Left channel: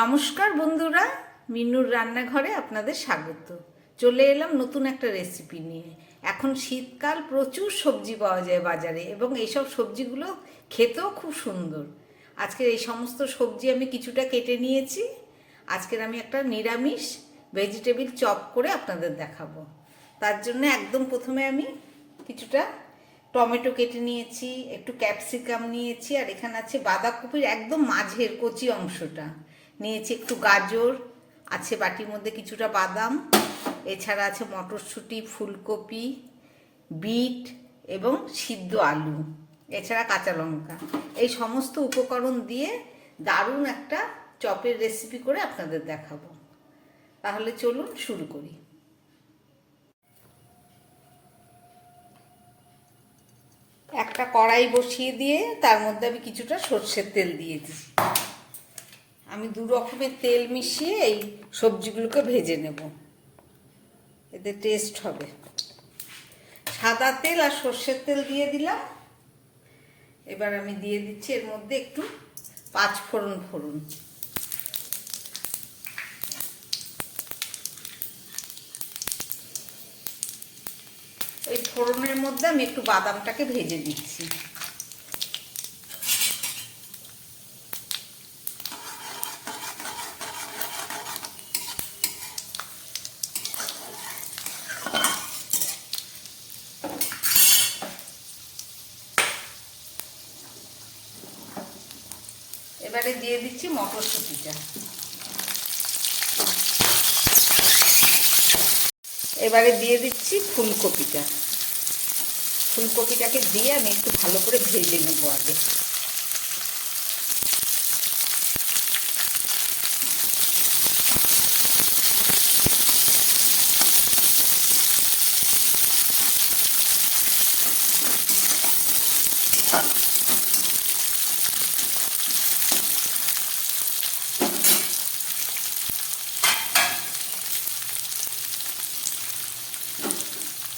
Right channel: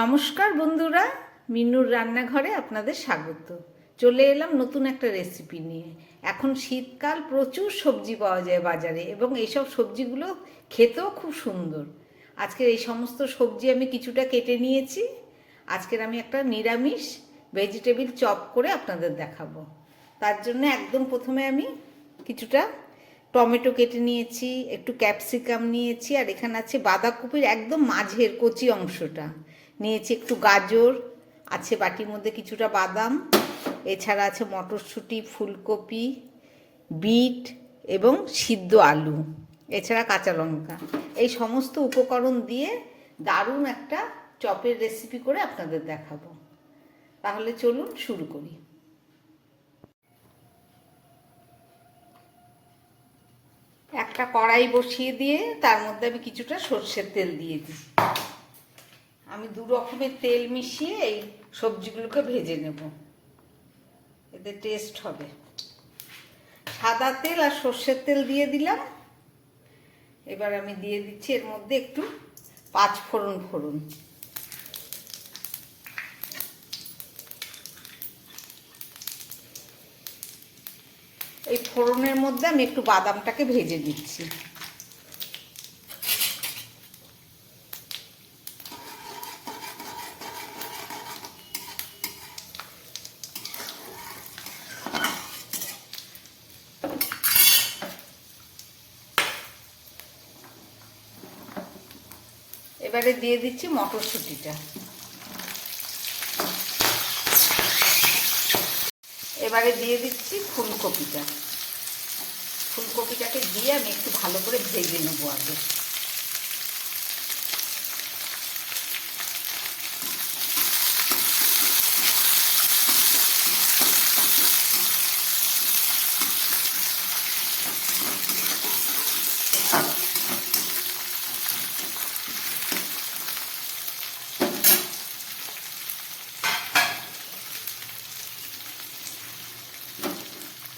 নমস্কার বন্ধুরা, মিনুর রান্নাঘরে আপনাদের স্বাগত। চলে এলাম নতুন একটা রেসিপি নিয়ে। এখন শীতকাল, প্রচুর সবজি পাওয়া যায় বাজারে এবং এইসব সবজিগুলো খেতেও খুব সুন্দর। আজকের এই সমস্ত সবজি আমি কিছুটা কেটে নিয়েছি। আজকের আমি একটা নিরামিষ ভেজিটেবিল চপ করে আপনাদের দেখাবো। তার জন্য একদম প্রথমে আমি কিছুটা টমেটো কেটে নিয়েছি, একটু ক্যাপসিকাম নিয়েছি, আর এখানে আছে বাঁধাকপির একদম মাঝের কচি অংশটা নিয়েছি, একটু গাজর আছে বাটির মধ্যে, কিছুটা বাদাম, এছাড়া আছে মটরশুঁটি, ফুলকপি, বিট এবং সিদ্ধ আলু, এছাড়া কাঁচা লঙ্কা। এই সমস্ত উপকরণ দিয়ে দারুণ একটা চপের রেসিপি করে আপনাদের দেখাবো। তাহলে চলুন শুরু করি। একটা কড়াই বসিয়ে দিয়ে তার মধ্যে আমি কিছুটা সর্ষের তেল দিয়ে দিই। আমি দু রকমের তেল মিশিয়ে এই সবজিগুলোকে ভেজে নেব, এতে টেস্ট হবে। সাদা তেল আর সর্ষের তেল দিয়ে দিলাম। এবার আমি দিয়ে দিচ্ছি এর মধ্যে একটু পাঁচ ফোড়ন। এই ফোড়নের মধ্যে আমি একটু বাদামটাকে ভেজে দিচ্ছি। এবারে দিয়ে দিচ্ছি মটরশুঁটিটা। এবারে দিয়ে দিচ্ছি ফুলকপিটাকে দিয়ে আমি একটু ভালো করে ভেজে নেবো আগে।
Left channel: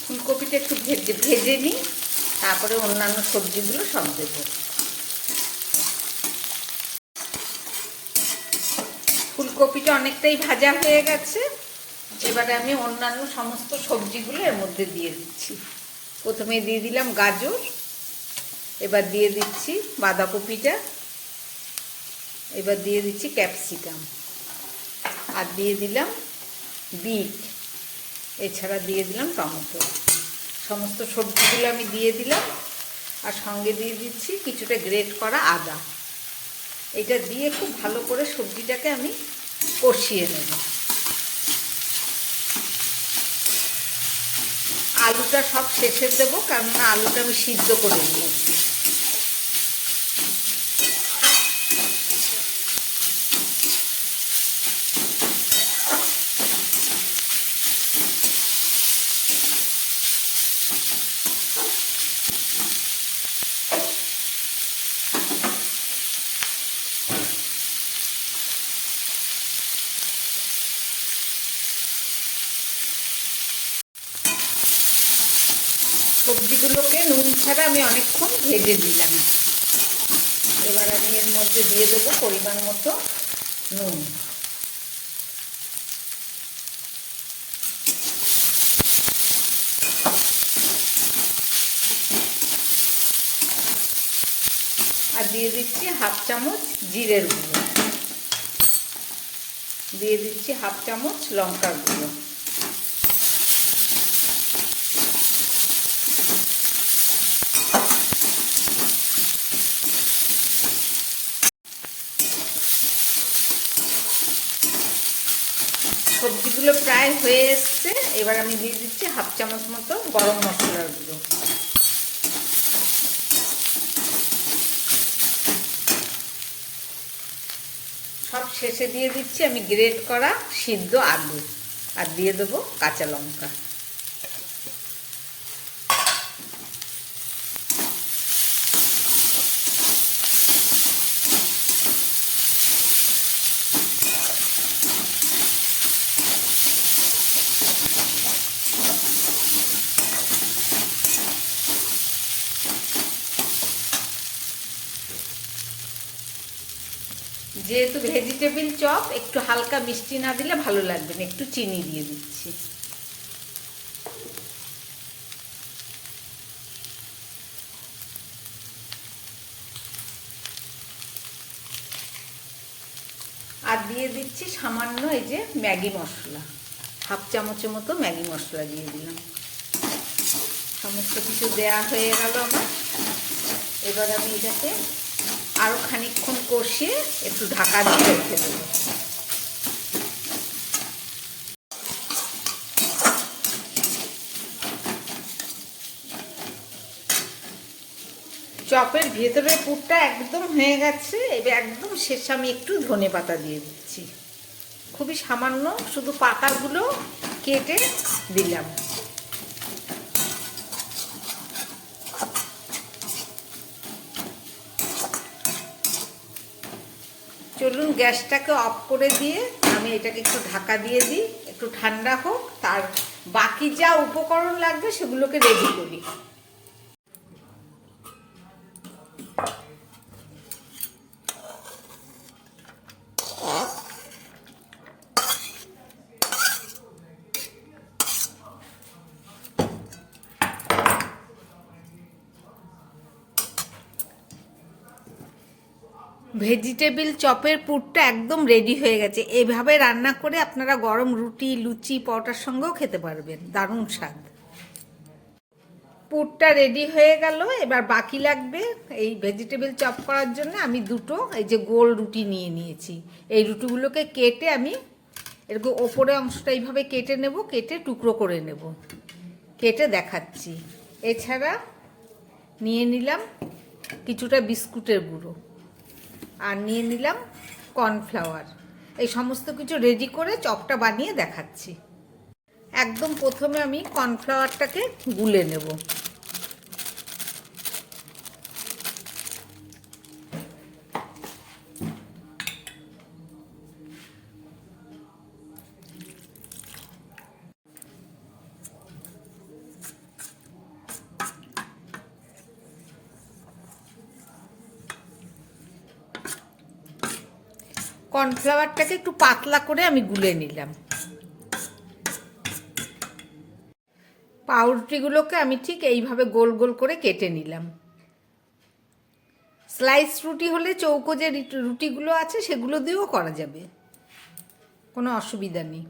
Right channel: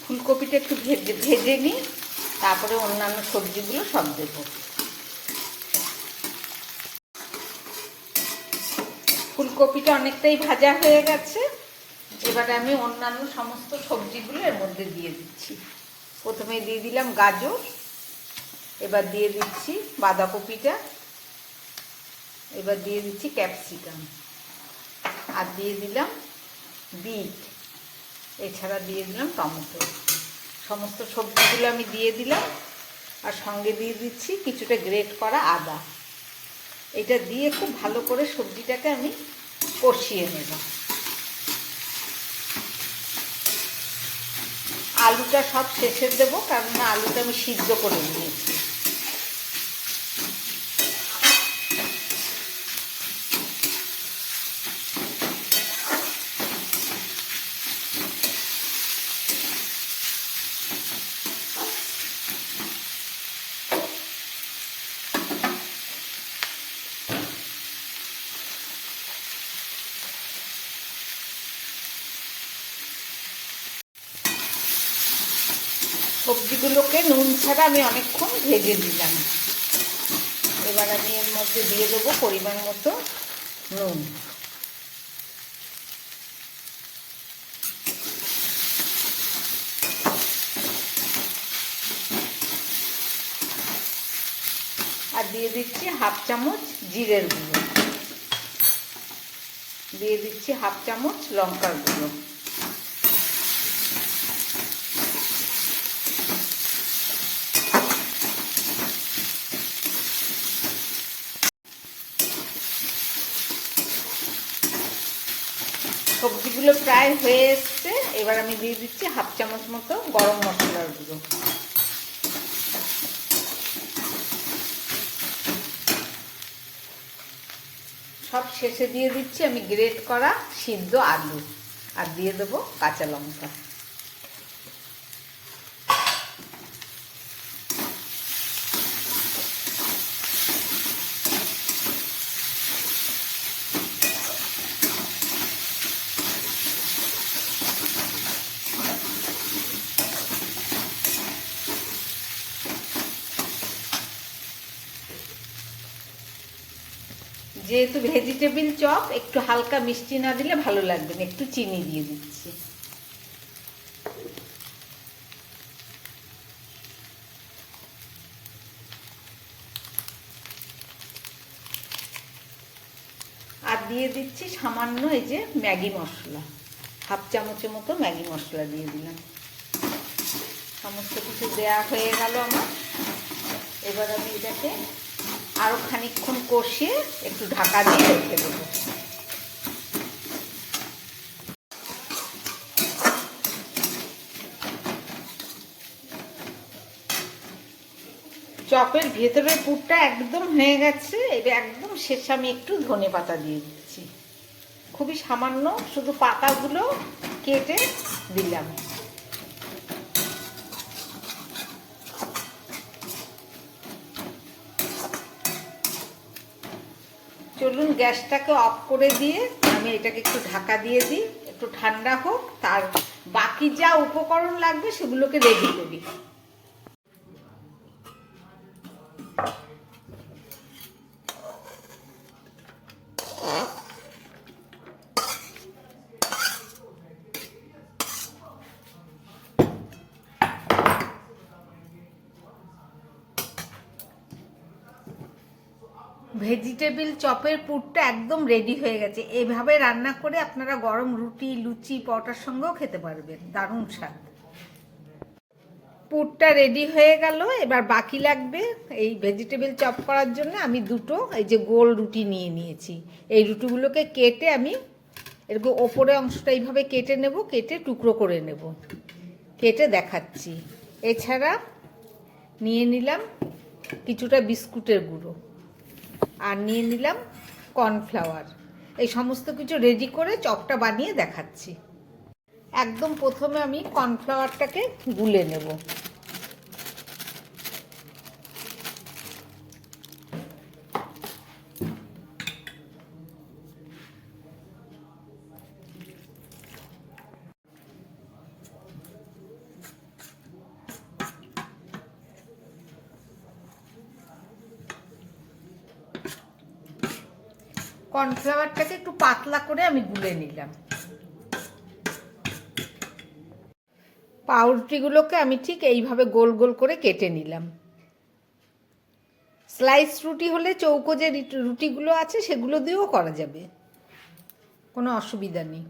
ফুলকপিটা একটু ভেজে নিই, তারপরে অন্যান্য সবজিগুলো সব দেবো। ফুলকপিটা অনেকটাই ভাজা হয়ে গেছে। এবারে আমি অন্যান্য সমস্ত সবজিগুলো এর মধ্যে দিয়ে দিচ্ছি। প্রথমে দিয়ে দিলাম গাজর, এবার দিয়ে দিচ্ছি বাঁধাকপিটা, এবার দিয়ে দিচ্ছি ক্যাপসিকাম, আর দিয়ে দিলাম বিট, এছাড়া দিয়ে দিলাম টমেটো। সমস্ত সবজিগুলো আমি দিয়ে দিলাম, আর সঙ্গে দিয়ে দিচ্ছি কিছুটা গ্রেট করা আদা। এটা দিয়ে খুব ভালো করে সবজিটাকে আমি কষিয়ে নেব। আলুটা সব শেষে দেবো, কারণ আলুটা আমি সিদ্ধ করে নিয়েছি। সবজিগুলোকে নুন ছাড়া আমি অনেকক্ষণ ভেজে দিলাম। এবার আমি এর মধ্যে দিয়ে দেবো পরিমাণ মতো নুন। আর দিয়ে দিচ্ছি হাফ চামচ জিরের গুঁড়ো, দিয়ে দিচ্ছি হাফ চামচ লঙ্কার গুঁড়ো। সবজিগুলো প্রায় হয়ে এসছে। এবার আমি দিয়ে দিচ্ছি হাফ চামচ মতো গরম মশলার গুঁড়ো। সব শেষে দিয়ে দিচ্ছি আমি গ্রেট করা সিদ্ধ আলু, আর দিয়ে দেবো কাঁচা লঙ্কা। যেহেতু ভেজিটেবিল চপ, একটু হালকা মিষ্টি না দিলে ভালো লাগবে না, একটু চিনি দিয়ে দিচ্ছি। আর দিয়ে দিচ্ছি সামান্য এই যে ম্যাগি মশলা, হাফ চামচের মতো ম্যাগি মশলা দিয়ে দিলাম। সমস্ত কিছু দেয়া হয়ে গেল আমার। এবার আমি এটাকে আরও খানিকক্ষণ কষিয়ে একটু ঢাকা দিয়ে রেখে দেবো। চপের ভেতরের পুরটা একদম হয়ে গেছে। এবার একদম শেষে আমি একটু ধনে পাতা দিয়ে দিচ্ছি, খুবই সামান্য, শুধু পাতাগুলো কেটে দিলাম। চলুন গ্যাসটাকে অফ করে দিয়ে আমি এটাকে একটু ঢাকা দিয়ে দিই, একটু ঠান্ডা হোক, তার বাকি যা উপকরণ লাগবে সেগুলোকে রেডি করি। ভেজিটেবিল চপের পুরটা একদম রেডি হয়ে গেছে। এইভাবে রান্না করে আপনারা গরম রুটি, লুচি, পরোটার সঙ্গেও খেতে পারবেন, দারুণ স্বাদ। পুরটা রেডি হয়ে গেল। এবার বাকি লাগবে এই ভেজিটেবিল চপ করার জন্য আমি দুটো এই যে গোল রুটি নিয়ে নিয়েছি। এই রুটিগুলোকে কেটে আমি এরকম ওপরে অংশটা এইভাবে কেটে নেব, কেটে টুকরো করে নেব, কেটে দেখাচ্ছি। এছাড়া নিয়ে নিলাম কিছুটা বিস্কুটের গুঁড়ো, আর নিয়ে নিলাম কর্নফ্লাওয়ার। এই সমস্ত কিছু রেডি করে চপটা বানিয়ে দেখাচ্ছি। একদম প্রথমে আমি কর্নফ্লাওয়ারটাকে গুলে নেব। কর্নফ্লাওয়ারটাকে একটু পাতলা করে আমি গুলে নিলাম। পাউরুটিগুলোকে আমি ঠিক এইভাবে গোল গোল করে কেটে নিলাম। স্লাইস রুটি হলে চৌকো যে রুটিগুলো আছে সেগুলো দিয়েও করা যাবে, কোনো অসুবিধা নেই।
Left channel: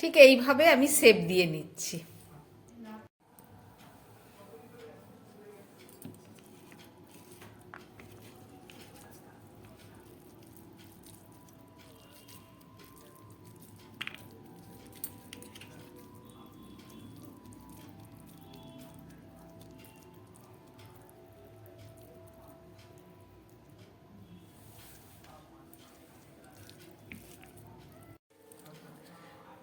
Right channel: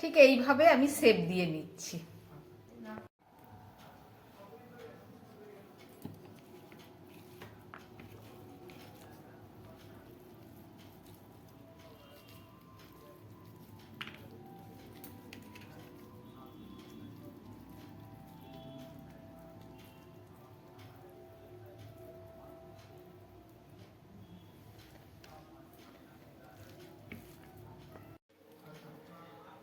ঠিক এইভাবে আমি শেপ দিয়ে নিচ্ছি।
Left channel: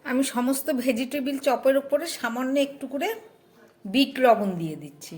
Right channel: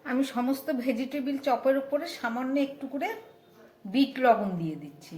আমি সমস্ত ভেজিটেবিল চপের উপরে সামান্য একটু করে বিট লবণ দিয়ে দিচ্ছি।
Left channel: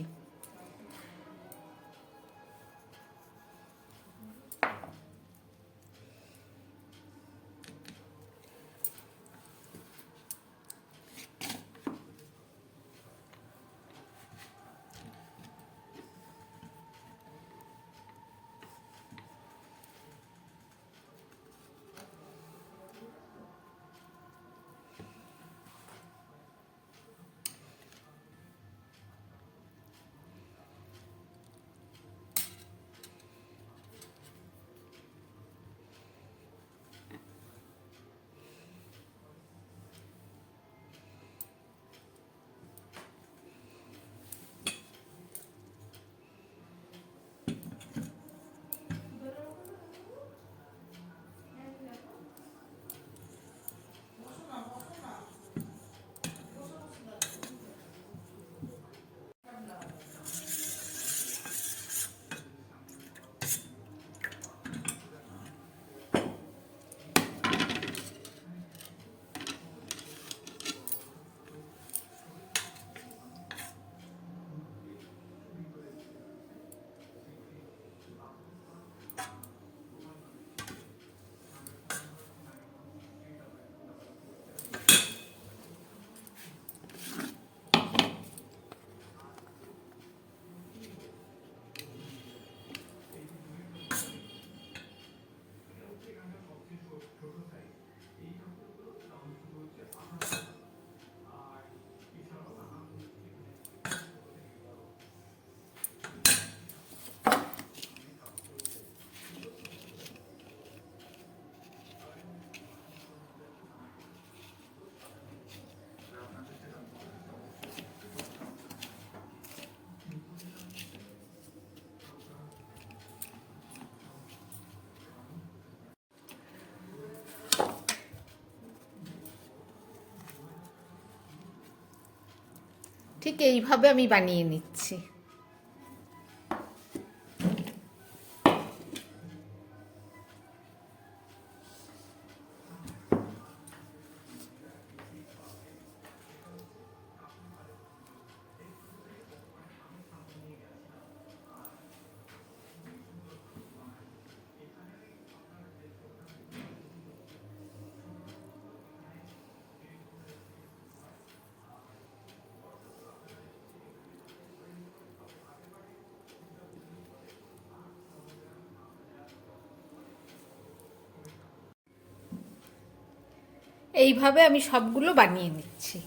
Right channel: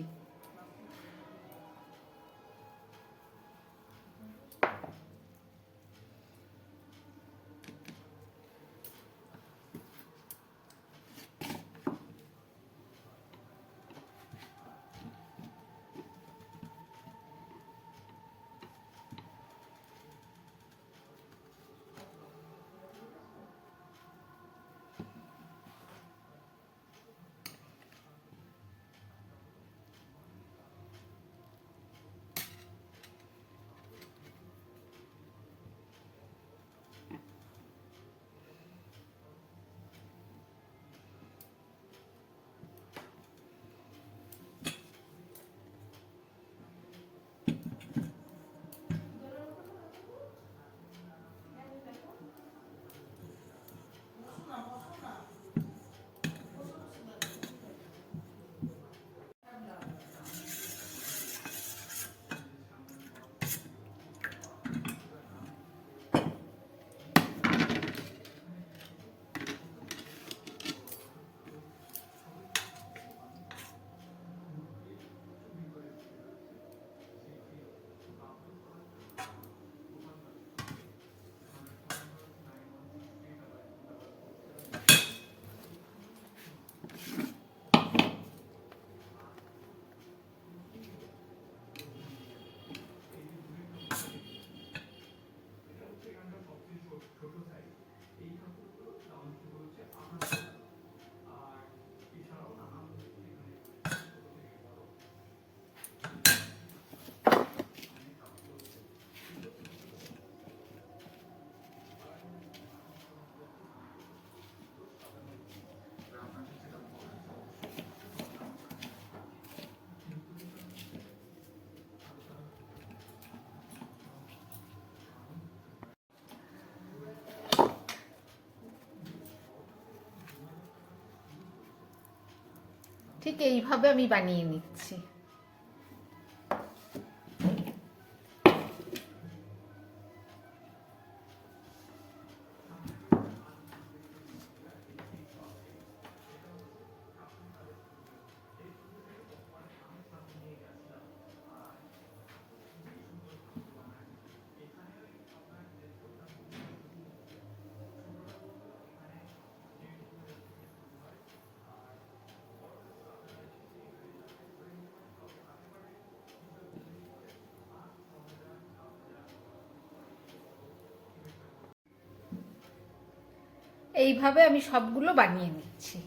ঠিক এইভাবে আমি বানিয়ে নিচ্ছি। এইভাবে আমি সবগুলো বানিয়ে নিচ্ছি।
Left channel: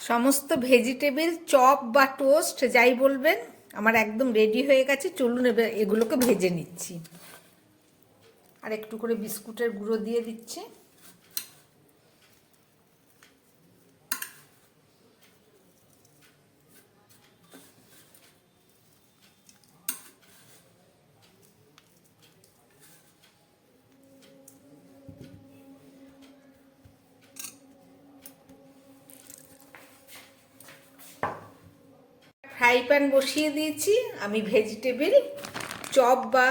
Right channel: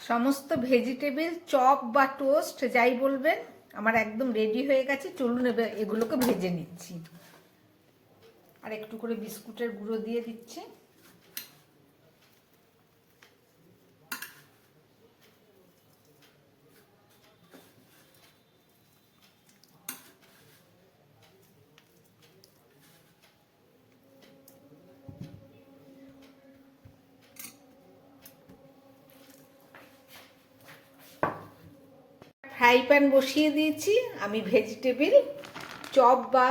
সমস্ত ভেজিটেবল চপ বা টোস্ট যাই বলবেন আমার একদম রেডি হয়ে গেছে। চলুন এবার এগুলোকে ভেজে নিচ্ছি। আর একটু করে বিস্কুটের গুঁড়ো দিয়ে দিচ্ছি। ফ্রাই প্যান বসিয়ে দিয়েছি আমি ভেজিটেবল চপ বা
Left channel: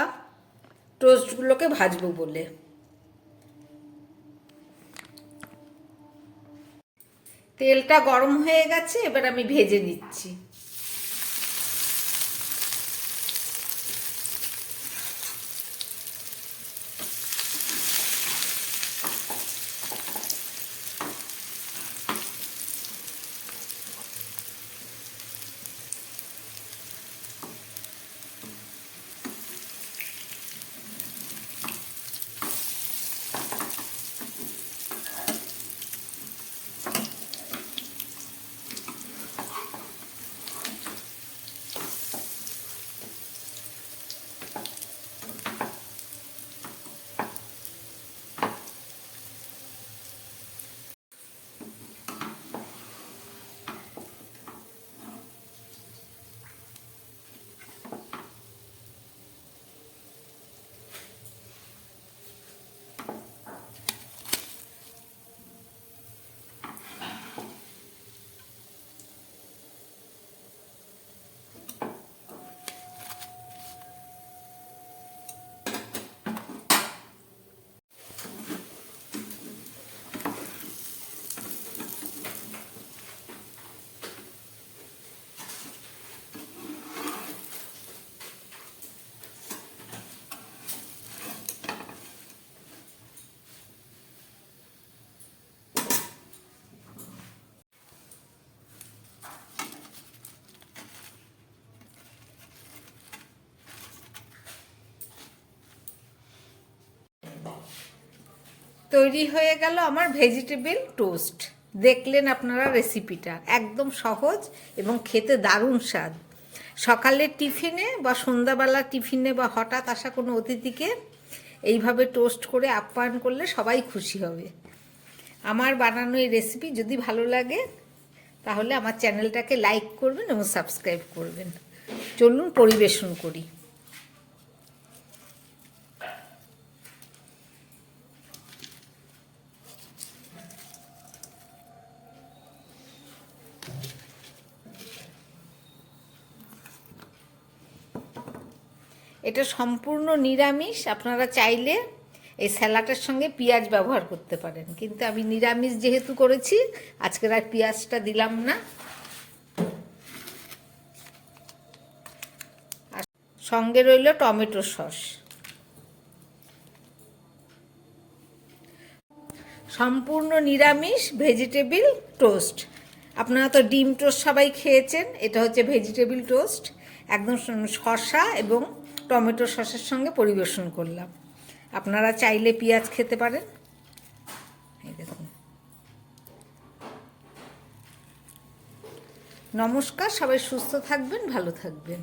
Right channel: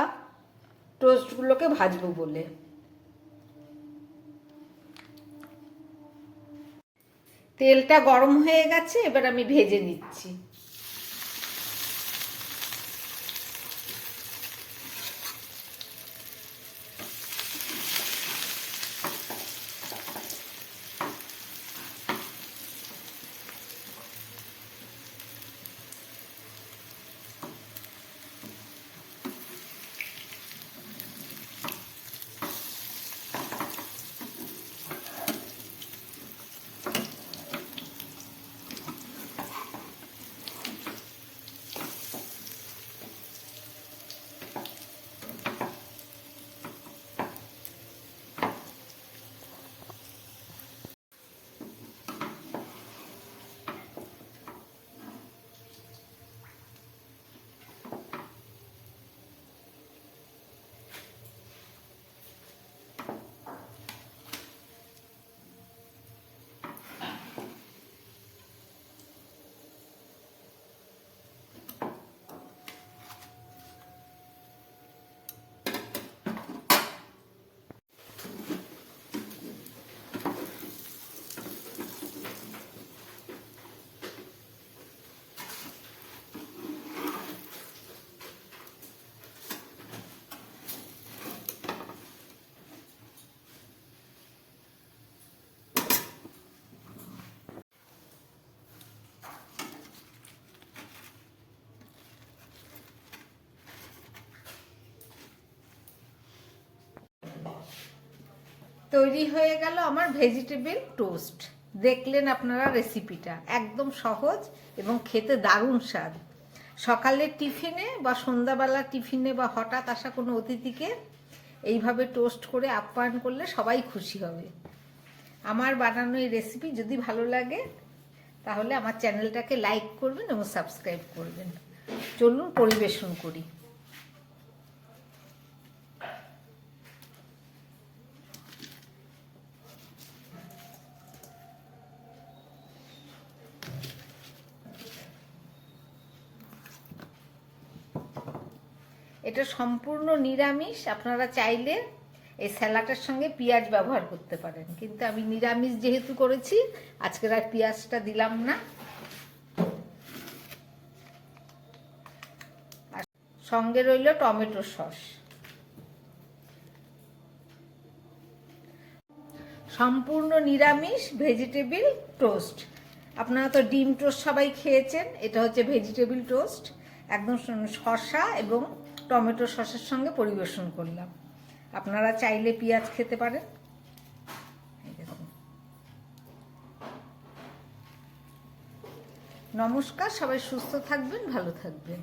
টোস্টগুলোকে ভাজবো বলে। তেলটা গরম হয়ে গেছে, এবার আমি ভেজে নিচ্ছি। তৈরি হয়ে গেল আমার ভেজিটেবল টোস্ট। দেখলেন আপনারা রেসিপিটা একদম সহজ এবং খেতে দারুণ স্বাদ। সকালের টিফিনে বা সন্ধ্যাবেলা টিফিনে বা হঠাৎ আসা কোনো অতিথিকে এইভাবে টোস্ট করে আপ্যায়ন করলে সবাই খুশি হবে। আমার বানানো এই রেসিপি যদি ভালো লাগে তাহলে আমার চ্যানেলটাকে লাইক করবেন এবং সাবস্ক্রাইব করবেন। চলুন পরিবেশন করি। এটা সম্পূর্ণ নিরামিষ। আপনারা চাইলে এই স্যালাডের সঙ্গে পেঁয়াজ ব্যবহার করতে পারেন, কিন্তু আমি নিরামিষ যেহেতু করেছি আজকের আর পেঁয়াজটা দিলাম না। আর সঙ্গে রইল টমেটো সস। সম্পূর্ণ নিরামিষ ভেজিটেবল টোস্ট। আপনারা তো ডিম টোস্ট সবাই খেয়েছেন, এটা হচ্ছে ভেজিটেবল টোস্ট। একদম শসা এবং টমেটো সসের সঙ্গে পরিবেশন করলাম। আপনারা চাইলে পেঁয়াজ খেতে পারেন। এই দেখুন। নমস্কার, সবাই সুস্থ থাকবেন, ভালো থাকবেন।